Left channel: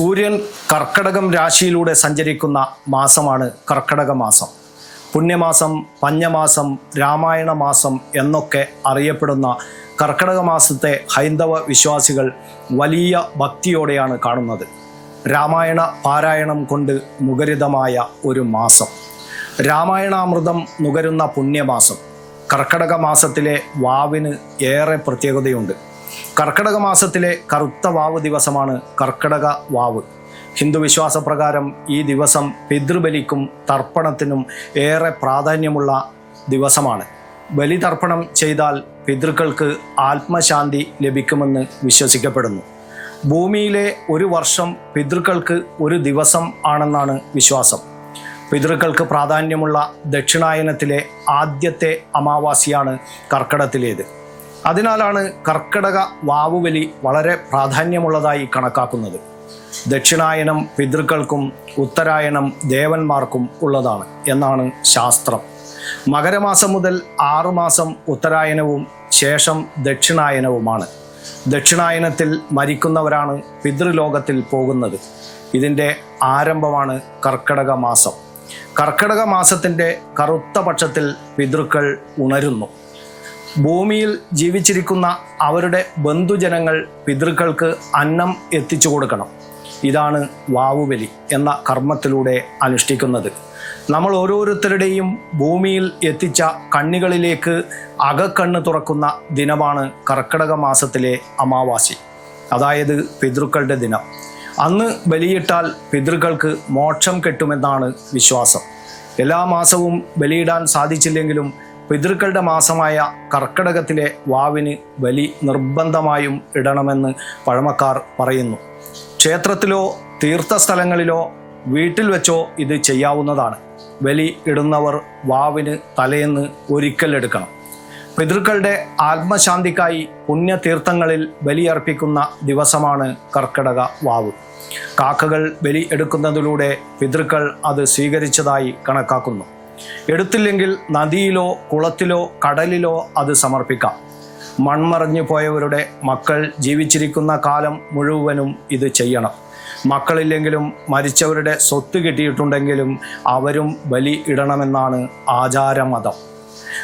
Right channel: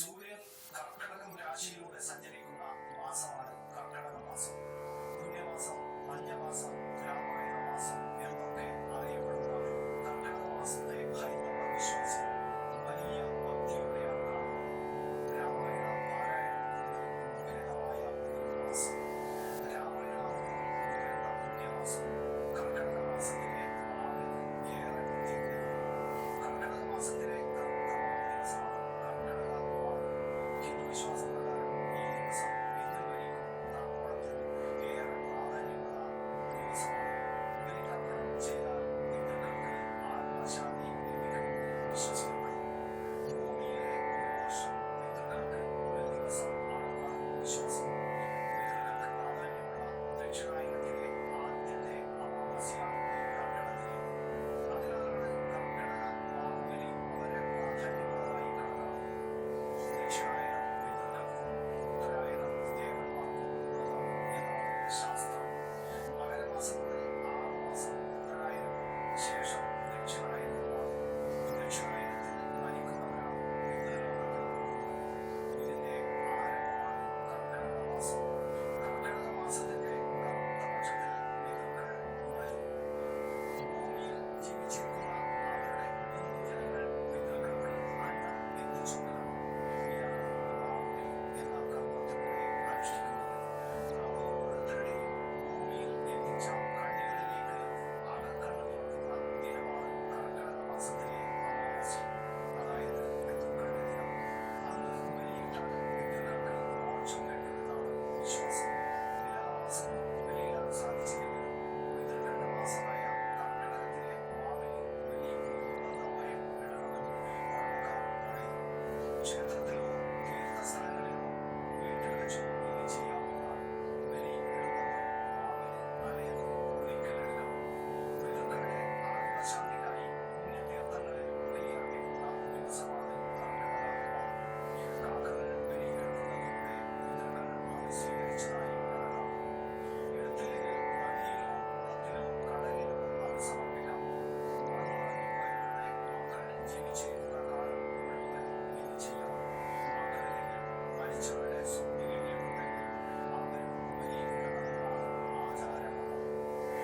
സൂര്യൻ കർക്കടകം രാശിയിലൂടെ സഞ്ചരിക്കുന്ന മാസമാണ് കർക്കടക മാസം. പുണ്യമാസം പഞ്ഞമാസം രാമായണ മാസം എന്നൊക്കെ അറിയപ്പെടുന്ന കർക്കടക മാസത്തെ ഹൈന്ദവ വിശ്വാസികൾ വലിയ ഭക്തിയോടെയാണ് കാണുന്നത്. രാമായണ പാരായണം കൊണ്ട് മുഖരിതമായ ഒരു മാസം. രാമായണാമൃതം നുകരുന്ന പുണ്യമാസം. കർക്കടക മാസത്തിലെ വാവിന് ഏറെ പ്രത്യേകതയുണ്ട്. കർക്കടക മാസത്തിലെ കറുത്ത വാവ് ദിവസമാണ് കർക്കടക വാവ്. ഹിന്ദു വിശ്വാസപ്രകാരം ഈ ദിവസം പിതൃബലിക്കും തർപ്പണത്തിനും ഏറെ പ്രാധാന്യമുള്ള ദിവസമാണ്. ബലി തർപ്പണം ചെയ്താൽ പിതൃക്കൾക്ക് ആത്മശാന്തി ലഭിക്കുമെന്ന് വിശ്വസിക്കപ്പെടുന്നു. ഭൂമിയിലെ ഒരു വർഷം പിതൃക്കൾക്ക് ഒരു ദിവസം ആണെന്നാണ് വിശ്വാസം. പിതൃക്കൾക്ക് പ്രാധാന്യമുള്ള ദക്ഷിണായനത്തിലെ ആദ്യത്തെ അമാവാസിയാണ് കർക്കടത്തിലേത് അതിനാലാണ് കർക്കിടക വാവുവലി വളരെ പ്രാധാന്യമുള്ളതായി കണക്കാക്കുന്നത്. ദക്ഷിണായനം പിതൃക്കൾക്കും ഉത്തരായണം ദേവന്മാർക്കും ഉള്ളതാണ് എന്നാണ് ശാസ്ത്രം. മകരമാസം മുതൽ ആറുമാസം ഉത്തരായനവും ശേഷം ദക്ഷിണായനവുമാണ്. ദക്ഷിണായനത്തിൽ മരിക്കുന്നവരാണ് പിതൃലോകത്തിൽ പോകുന്നത്. ഇതിന്റെ ആരംഭമാണ് കർക്കിടക മാസം. കർക്കിടക മാസത്തിന്റെ കറുത്ത പക്ഷത്തിൽ പിതൃക്കൾ ഉണരുന്നു. ഭൂമിയിൽ ജീവിച്ചിരിക്കുന്ന അവരുടെ ബന്ധുജനങ്ങൾ പിതൃക്കൾക്ക് അന്നം എത്തിച്ചു കൊടുക്കണം. ഇതാണ് വാവുബലി എന്ന കർമ്മത്തിലൂടെ അനുഷ്ഠിക്കുന്നത്. നമ്മൾ ഓരോരുത്തരുടെയും ഭൂമിയിൽ എത്തിച്ച കണ്ണികളിലേക്ക് അകക്കണ്ണ് തുറക്കുന്ന ദിനമാണ് കർക്കിടക മാസത്തിലെ അമാവാസി. അതായത് പിതൃക്കളുടെ ദിനം. അന്ന് ബലിയിട്ടാൽ പിതൃക്കൾക്ക് മോക്ഷം കെട്ടുമെന്നാണ് വിശ്വാസം. എല്ലാ മാസവും ബലിയിടാൻ സാധിച്ചില്ലെങ്കിലും പിതൃക്കളുടെ മാസമായ കർക്കിടകത്തിലെ വാവിന് ബലി നിർബന്ധമായും ഇടണമെന്ന് പഴമക്കാർ പറയുന്നു. ക്ഷേത്രത്തിലോ തീർത്ഥസ്ഥലങ്ങളിലോ വീട്ടിൽ വെച്ചോ ഇത് ചെയ്യാവുന്നതാണ്. ബലി ഇടുന്നവർ വാവിന് തലേന്ന് ഒരിക്കൽ എടുക്കണം. പിതൃക്കളുടെ ആത്മശാന്തിക്കായി പുണ്യതീർത്ഥങ്ങളിൽ ബലിയർപ്പിക്കുന്ന ദിവസമാണ് കർക്കിടക വാവ്. കാക്കകൾ ബലി എടുക്കുന്നതിലൂടെ പിതൃക്കൾ അത് സ്വീകരിച്ചതായി കണക്കാക്കുന്നു. എടുത്തില്ലെങ്കിൽ നദിയിലോ കുളത്തിലോ കടലിലോ അത് സമർപ്പിക്കാം. മൺമറഞ്ഞു പോയവരുടെ മക്കൾ ജീവിച്ചിരിക്കുന്ന കാലം മുഴുവനും ഇത് ചെയ്യണം. മക്കളില്ലെങ്കിലും മരിച്ചവരുടെ സ്വത്ത് കിട്ടിയിട്ടുണ്ടെങ്കിലും അവരും ബലി ഇടണമെന്നാണ് ആചാരമതം.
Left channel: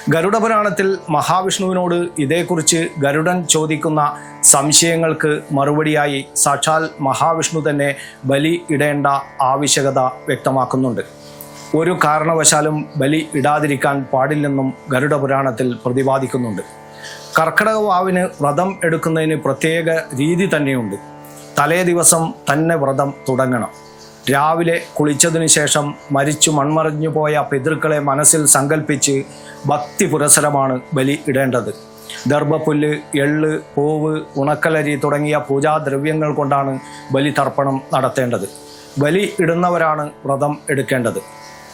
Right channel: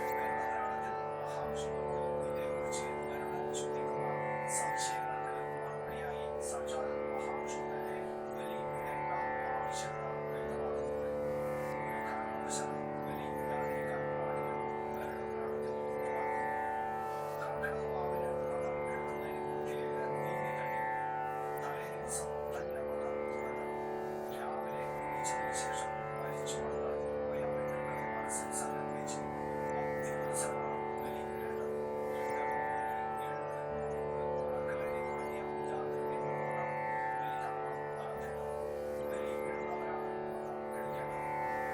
ഗരുഡപുരാണത്തിൽ മഹാവിഷ്ണുവിനോട് ഇതേക്കുറിച്ച് ഗരുഡൻ ചോദിക്കുന്ന സംശയങ്ങൾക്ക് മറുപടിയായി സാക്ഷാൽ മഹാവിഷ്ണു തന്നെ ബലി ഇടേണ്ട ആവശ്യകത വ്യക്തമാക്കുന്നുണ്ട്. ഒരു കാരണവശാലും ബലി ഇടാതിരിക്കാൻ പാടില്ലെന്നും ഗരുഡ പുരാണത്തിൽ പ്രതിപാദിക്കുന്നുണ്ട്. കർക്കിടക വാവിന് വ്രതം എടുക്കുന്നതിന് പ്രത്യേക രീതി തന്നെയുണ്ട്. തലേ ദിവസം തന്നെ വ്രതം തുടങ്ങണം. രാവിലെ കുളിച്ചതിനു ശേഷം മരിച്ചു മൺമറഞ്ഞു പോയ പിതൃക്കളെ മനസ്സിൽ സങ്കല്പിച്ച് ഭക്തി പുരസരമാണ് ബലി ഇടേണ്ടത്. ദർഭപ്പുല്ല് എള്ള് പൂവ് ഉണക്കലരി തുടങ്ങിയ പൂജാദ്രവ്യങ്ങൾ കൊണ്ടാണ് ബലി തർപ്പണം നടത്തേണ്ടത്. ബലി ഇടുന്നവരാണ് വ്രതം എടുക്കേണ്ടത്.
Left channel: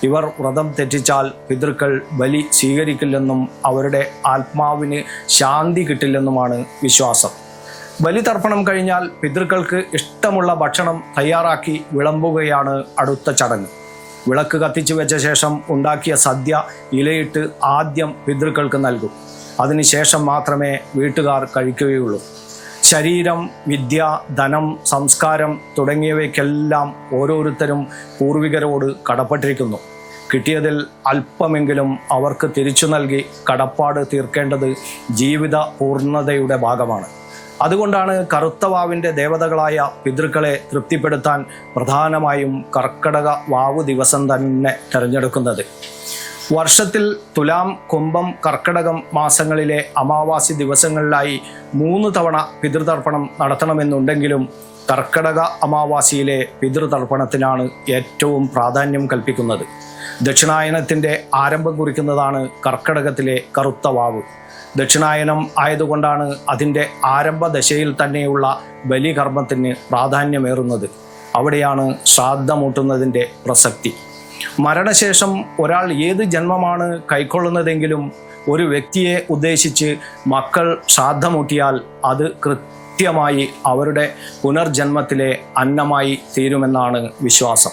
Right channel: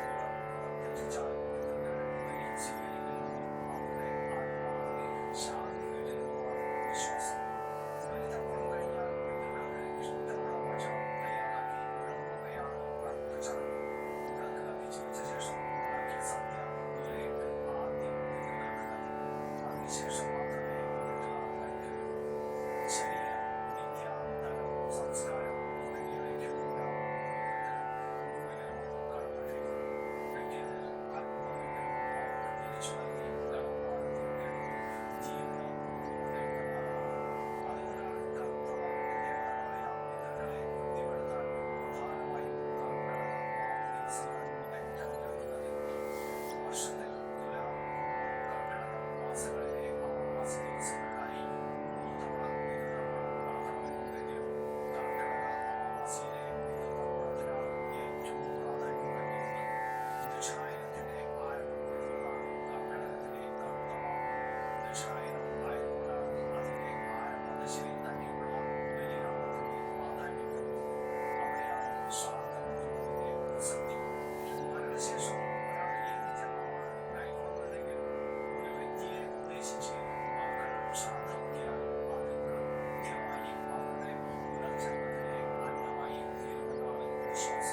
ഇവർ വ്രതം തെറ്റിച്ചാൽ പിതൃക്കൾ ബലി സ്വീകരിക്കില്ലെന്നും അവരുടെ ആത്മാവിന് ശാന്തി കിട്ടില്ലെന്നുമാണ് വിശ്വാസം. ബലിതർപ്പണം കഴിഞ്ഞാൽ പിതൃക്കൾക്ക് ഇഷ്ടമുള്ള ഭക്ഷണം തയ്യാറാക്കി വിളമ്പുകയാണ് അടുത്ത ചടങ്ങ്. വിളക്ക് കത്തിച്ചു വെച്ച ശേഷം ഉണ്ടാക്കിയ സദ്യ ഇലയിട്ട് ആദ്യം പിതൃക്കൾക്ക് നൽകും. അതിനുശേഷം മാത്രമേ വീട്ടുകാർ കഴിക്കുകയുള്ളൂ. ശരീരം വിദ്യ ധനം സംസ്കാരം തുടങ്ങിയവയ്ക്കെല്ലാം ഓരോരുത്തരും പൂർവികരോട് കടപ്പെട്ടിരിക്കുന്നു. കിട്ടിയതിൽ അല്പമെങ്കിലും അവർക്ക് തിരിച്ചു നൽകി കടപ്പാട് തീർക്കേണ്ടത് ജീവിത പൂർണതയുടെ ഭാഗമാണ്. അതുകൊണ്ടാണ് കറുത്ത വാവിന്റെ ദേവതകളായ പിതൃക്കളെ തൃപ്തിപ്പെടുത്താൻ പ്രധാനമായും കർക്കടക വാവ് ദിവസം തന്നെ തിരഞ്ഞെടുക്കുന്നത്. വർഷത്തിൽ തുലാം കുംഭം കർക്കിടകം മാസങ്ങളിലെ അമാവാസി ദിവസങ്ങളിലായി മൂന്ന് തവണ പിതൃതർപ്പണം നടത്തണമെന്നുണ്ടെങ്കിലും കർക്കടക അമാവാസിയിലെ പിതൃതർപ്പണത്തിനാണ് ഏറ്റവും പ്രാധാന്യം കൽപ്പിക്കുന്നത്. ദക്ഷിണായനത്തിന്റെ ആരംഭം കുറിക്കുന്നതാണ് കർക്കടകത്തിലെ കറുത്ത വാവ്. ദക്ഷിണായനം ആയതുകൊണ്ടാണ് അതിന്റെ ആരംഭ ദശയിൽ തന്നെയുള്ള ബലികർമ്മത്തിന് പ്രാധാന്യമേറുന്നത്. അവിടെയാണ് ശ്രാദ്ധമൂട്ടുന്നതിന്റെ പ്രസക്തി. മരണശേഷം ഒരാൾ ഏത് ജന്മമാണ് കൈക്കൊള്ളുന്നതെങ്കിലും ഒരു വ്യക്തിയെ ഉദ്ദേശിച്ച് മക്കൾ ശ്രാദ്ധമൂട്ടിയാൽ അത് കൃത്യമായി അവരുടെ പുനർജന്മത്തിലെ അന്നമായി തീരുമെന്നാണ് വിശ്വാസം.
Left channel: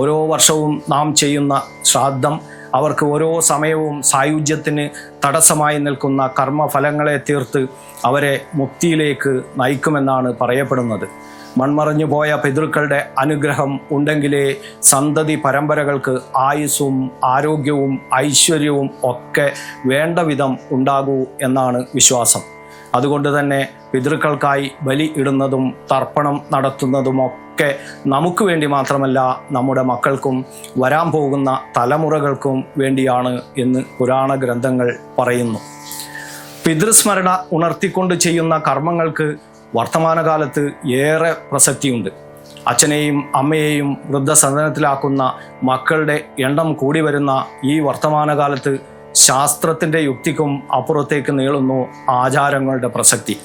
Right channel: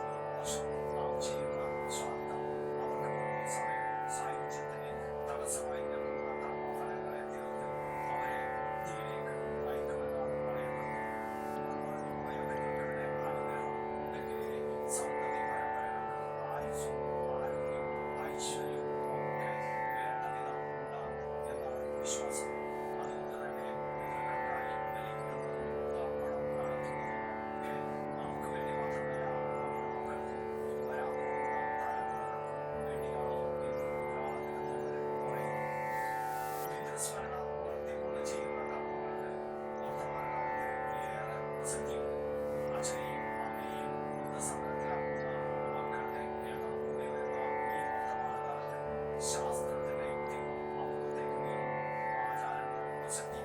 ഓരോ വർഷവും നാം ചെയ്യുന്ന ശ്രാദ്ധം അവർക്ക് ഓരോ സമയവും സായുജ്യത്തിന് തടസ്സമായി നിൽക്കുന്ന കർമ്മഫലങ്ങളെ തീർത്ത് അവരെ മുക്തിയിലേക്ക് നയിക്കുമെന്നാണ് പറയപ്പെടുന്നത്. മൺമറഞ്ഞു പോയ പിതൃക്കളുടെ അനുഗ്രഹം ഉണ്ടെങ്കിലേ സന്തതി പരമ്പരകൾക്ക് ആയുസ്സും ആരോഗ്യവും ഐശ്വര്യവും ഒക്കെ വേണ്ട വിധം ഉണ്ടാകൂ എന്നാണ് വിശ്വാസം. അതുകൊണ്ട് തന്നെ പിതൃക്കൾക്കായി ബലി ഇടുന്നതും തർപ്പണം നടത്തുന്നതുമൊക്കെ നമുക്ക് വേണ്ടി മാത്രമല്ല നമ്മുടെ മക്കൾക്കും വരാൻ പോകുന്ന തലമുറകൾക്കും വേണ്ടിയാണ് എന്ന് പുരാണ ഗ്രന്ഥങ്ങൾ പറയുന്നു. പിതൃസ്മരണ ഉണർത്തിക്കൊണ്ട് ചെയ്യുന്ന കർമ്മങ്ങൾക്ക് വർത്തമാനകാലത്ത് ഏറെ പ്രസക്തിയുണ്ട്. അച്ഛനെയും അമ്മയെയും വൃദ്ധസദനത്തിലാക്കുന്ന മക്കളുടെ എണ്ണം കൂടി വരുന്ന ഈ വർത്തമാനകാലത്ത് ശാസ്ത്രത്തിന്റെ യുക്തിക്കും അപ്പുറത്തേക്ക് നീളുന്നു ആചാരങ്ങളുടെ പ്രസക്തി.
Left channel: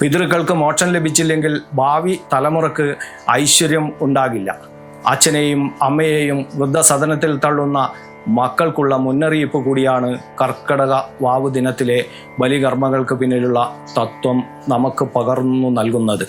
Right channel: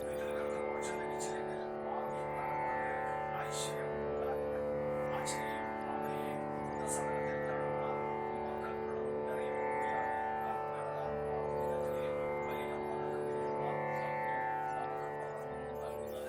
പിതൃക്കൾക്ക് മോക്ഷം ലഭിച്ചില്ലെങ്കിൽ ഭാവി തലമുറയ്ക്ക് ഐശ്വര്യം ഉണ്ടാകില്ല. അച്ഛനെയും അമ്മയെയും വൃദ്ധസദനത്തിൽ തള്ളുന്ന മക്കൾക്കുള്ള മുന്നറിയിപ്പ് കൂടിയാണ് കർക്കടക വാവു ദിനത്തിലെ ബലികർമ്മങ്ങൾക്ക് പിന്നിലുള്ള തത്വം നമുക്ക് പകർന്നു നൽകുന്നത്.